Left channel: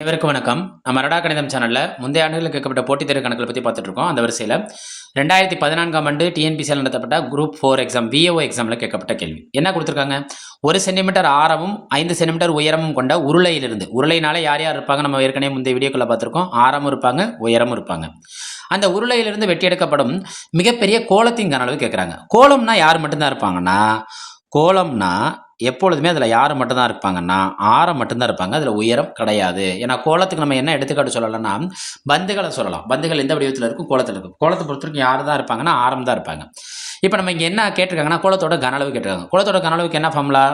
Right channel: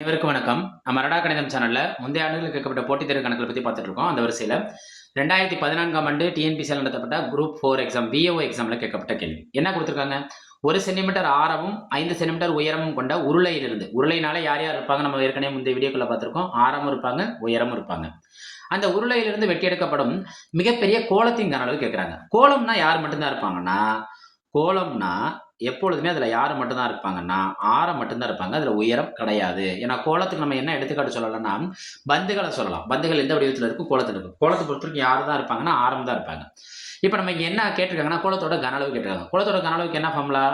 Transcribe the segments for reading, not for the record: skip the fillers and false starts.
அனைவருக்கும் வணக்கம். நம்ம ரடா கணிதம் சேனல்ல முந்தைய ஆண்டுகளில் கேட்கப்பட்ட போட்டித் தேர்வு கணக்குகளை பத்தி பார்த்துட்டு இருக்கோம். அந்த வரிசையில 2014ஆம் ஆண்டு டிஎன்பிசியால் நடத்தப்பட்ட குரூப் 4 எக்ஸாம் விஏஓ எக்ஸாம்ல கேட்கப்பட்ட கேள்வி. என்ன குடுத்திருக்காங்க? 1 சென்டிமீட்டர் ஆரமும் 5 சென்டிமீட்டர் உயரமும் கொண்ட உருளையிலிருந்து உருளைனால யார் யார் இருப்பாங்க? நம்ம ஏற்கனவே முந்தைய வீடியோக்குள்ள பார்த்திருக்கோம். ஆரமும் இருப்பாங்க, உயரமும் இருப்பாங்க. அந்த உருளையிலிருந்து வெட்டி எடுக்கப்படும் மிகப்பெரிய கோளத்தின் கன அளவு கேட்குறாங்க. கோளம்னா யார் மட்டும் தான் இருப்பாங்கன்னா, கோளம்னா எப்பொழுதுமே அதில் யார் மட்டும் தான் இருப்பாங்கன்னா, ஆரம் மட்டும் தான் இருப்பாங்க. அதில் உயரம் கிடையாது. ஏன்னா கோளத்துக்கு நம்ம என்ன எடுத்துக்காட்டு சொல்லலாம்னா, பந்துகள சொல்லலாம். பந்துகள் எந்த வடிவத்தில இருக்கும்? கோளத்தில இருக்கும். கோளத்த பொறுத்தவரைக்கும் யார் தான் இருப்பாங்கன்னா, ஆரம் தான் இருப்பாங்க. இப்ப நம்ம இங்க என்ன கேட்டிருக்காங்கன்னா, கோளத்தோட கன அளவு கேட்டிருக்காங்க. கோளத்தோட கன அளவுக்கு என்ன ஃபார்முலா?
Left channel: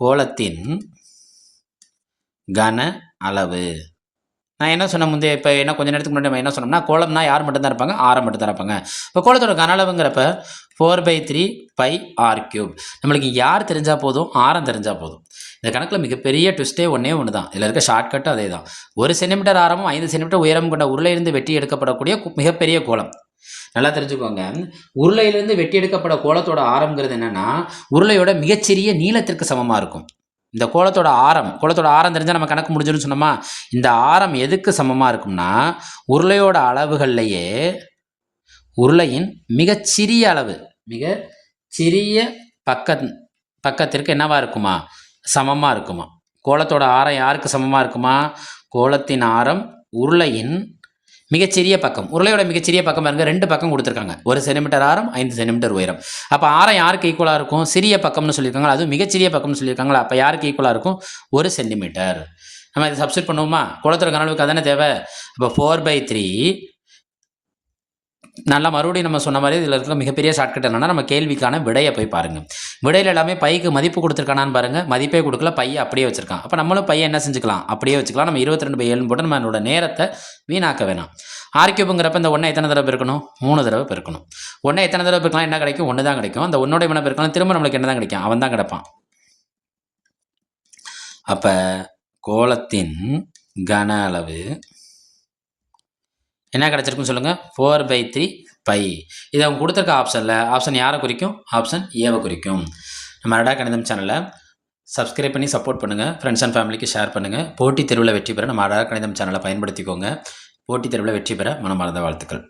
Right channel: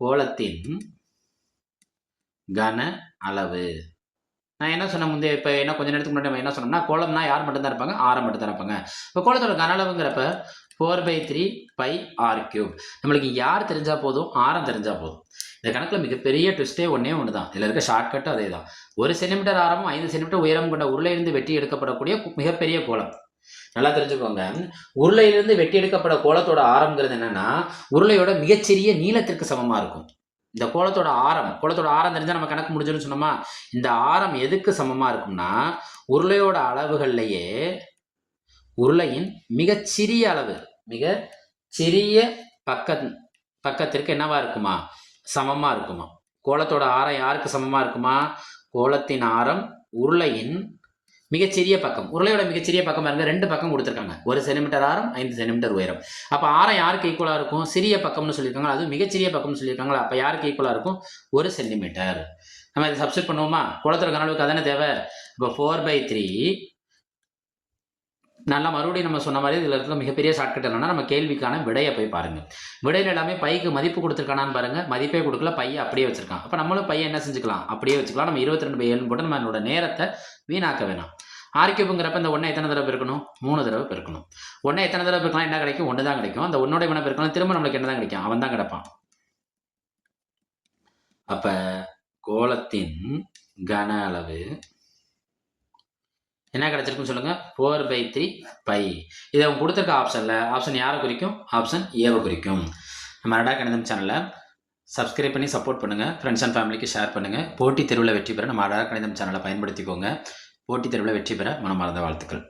கோளத்தின் கன அளவு. நான் என்ன சொன்னேன் முந்தைய இப்ப என்ன கொஞ்ச நேரத்துக்கு முன்னாடி நம்ம என்ன சொன்னோம்னா, கோளம்னா யார் மட்டும் தான் இருப்பாங்க? ஆரம் மட்டும் தான் இருப்பாங்க. இப்ப கோளத்தோட கன அளவுங்கிறப்ப 4/3 பை ஆர் கியூப். நம்மளுக்கு யார் தெரிஞ்சா போதும், ஆரம் தெரிஞ்சா போதும். இந்த கணக்குல மிகப்பெரிய ட்விஸ்ட்டே ஒண்ணே ஒண்ணு தான். இதுல இருக்க ஷார்ட்கட்டும் அதே தான். 1 சென்டிமீட்டர் ஆரமும் 5 சென்டிமீட்டர் உயரம் கொண்ட உருளையிலிருந்து வெட்டி எடுக்கப்படக்கூடிய மிகப்பெரிய கோளம். நல்லா தெரிஞ்சுக்கோங்க. உருளையிலிருந்து வெட்டி எடுக்கப்பட கோளத்தோட ஆரம்ங்கிறது என்னன்னா, உருளையோட மிகச்சிறிய நீளத்திற்கு சமமா இருக்கும். இந்த கோளத்தோட ஆரம் தெரிஞ்சா நம்ம கணக்கு முடிஞ்சிரும்னு சொன்னோமா? இந்த ஆரம் எதுக்கு சமமா இருக்கும்னா, உருளையோட அளவுகள்லயே உருளையின் மிகச்சிறிய அளவு, மிகச் சிறிய பக்கத்திற்கு என்னவா இருக்குமா? சமமா இருக்குமா? கோளத்தோட ஆரம் யாருக்கு சமமா இருக்குமா? கோளத்தின் ஆரம் உருளையின் மிகச்சிறிய பக்கம். உருளையோட மிகச்சிறிய பக்கம் பாருங்க 2 பக்கம் குடுத்துருக்காங்க. 1 சென்டிமீட்டர் ஆரம், 5 சென்டிமீட்டர் உயரம். அப்ப ஆரம் யாருக்கு ஈக்குவலா இருக்கும்? சிறிய பக்கம்னு சொல்லியிருக்காங்க. அதுவும் மிகச்சிறிய பக்கம்னு சொல்லியிருக்காங்களா? அப்ப யாருக்கு ஈக்குவலா இருக்கும்? 1 சென்டிமீட்டர். நம்ம இத சப்ஸ்டிட்யூட் பண்ணுவோமா? கோளத்தோட கன அளவுக்கு அதானே தேவை. அப்ப 4/3 நல்லா மறுபடியும் நம்ம சொன்ன மாரி இதில இருக்க மிகப்பெரிய ஷார்ட்கட் என்னன்னா, நம்ம கேள்விக்கான விடைய போய் பாருங்க. விடையில எல்லாமே பைக்கு மதிப்பு குடுத்துருக்கானான்னு பாருங்க. மதிப்பே குடுக்கல. பைய அப்படியே வச்சிருக்கான். அப்ப நம்மளும் பைய என்ன செஞ்சுக்கலாம்? அப்படியே வச்சுக்கலாம். நம்ம 22/7ன்னு போட்டு நம்மளோட நேரத்த வீணாக்க வேணாம். ஆர் கியூப்ங்கிறப்ப இந்த 1 எத்தனை தடவ பெருக்கணும்? 3 தடவ பெருக்கணும். 1 எத்தனை தடவ பெருக்கலாம் என்ன கிடைக்கும்? 1 தான் கிடைக்கும். அந்த 1ஓட இவன பெருக்கலாம் திரும்ப நம்மளுக்கு என்ன தான் கிடைக்கும்? அவன் தான் கிடைப்பான். அப்ப கோளத்தின் கன அளவு என்ன கிடைச்சிருக்குன்னு சொல்லுங்க? 4/3 பை. இது அவங்க குடுத்திருக்க ஆப்ஷன் யார குறிக்கும்? ஆப்ஷன் ஏவ குறிக்கும். நம்ம ரடா கணிதம் சேனல சப்ஸ்கிரைப் பண்ணி சப்போர்ட் பண்ணுங்க. ஃபிரெண்ட்ஸ் அண்ட் ஃபேமிலிக்கு ஷேர் பண்ணுங்க. போட்டித் தேர்வுல வெற்றி பெற நம்ம ரடா கணிதம் சேனல பயன்படுத்திக்கோங்க. போட்டித் தேர்வுல வெற்றி பெற மனமார்ந்த வாழ்த்துக்கள்.